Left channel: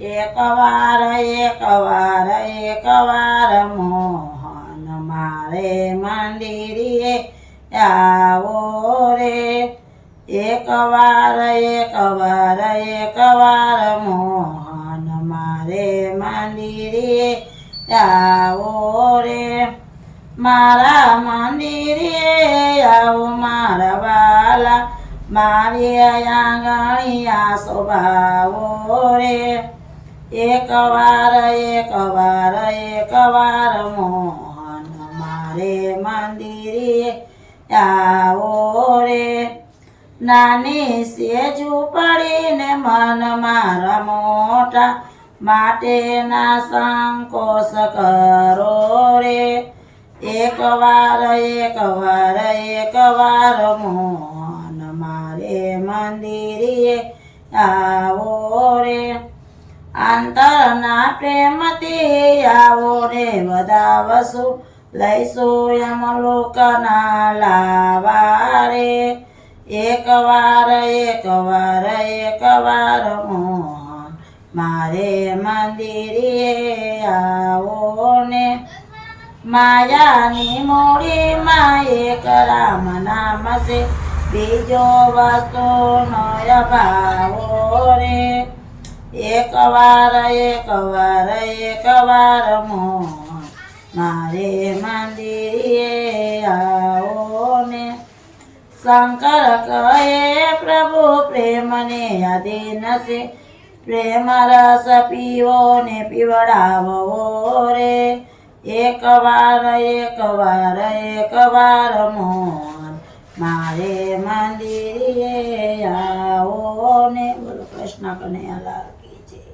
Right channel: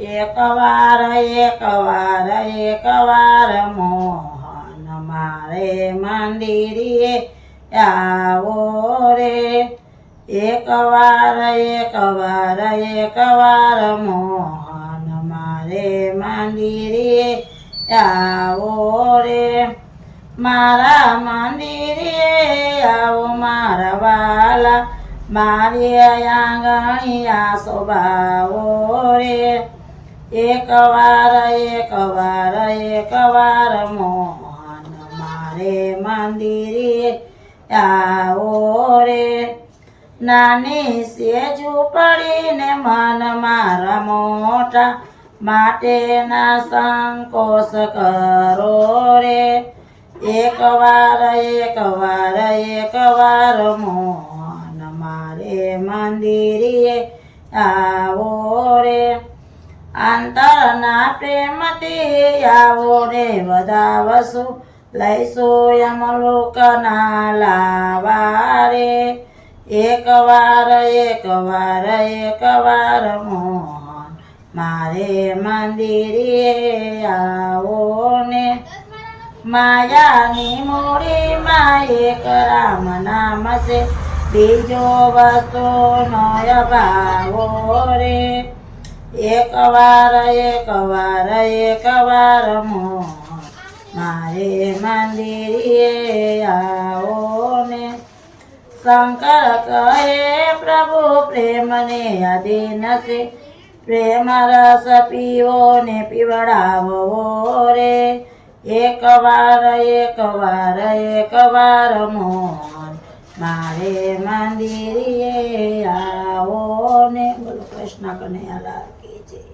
એકવાર મોહન મારે મંદિરે આવો રે એકવાર મોહન મારે મંદિરે આવો રે મારા મંદિરે આવો મારા વાલા મારી આંગણિયા શોભાવો રે એકવાર મોહન મારે મંદિરે આવો રે નાની સેજુ પડીને મન મારા મોટા માટેના સંકોચ કરો રે એકવાર મોહન મારે મંદિરે આવો રે અંતરના પ્રેમથી આવો રે વધાવશું લઈશું યમલોકના લાવા રે એકવાર મોહન મારે મંદિરે આવો ને માયાની મૂડીમાં એક રામ નામ છે બીજો વસ્તુ નો અભાવો રે એકવાર મોહન મારે મંદિરે આવો ને શંકર કહે પ્રભુ પ્રેમને આધીન છે પ્રેમ રસ પીવો ને પીવડાવો રે એકવાર મોહન મારે મંદિરે આવો ને બોલો કૃષ્ણ કનૈયા લાલ કી જય।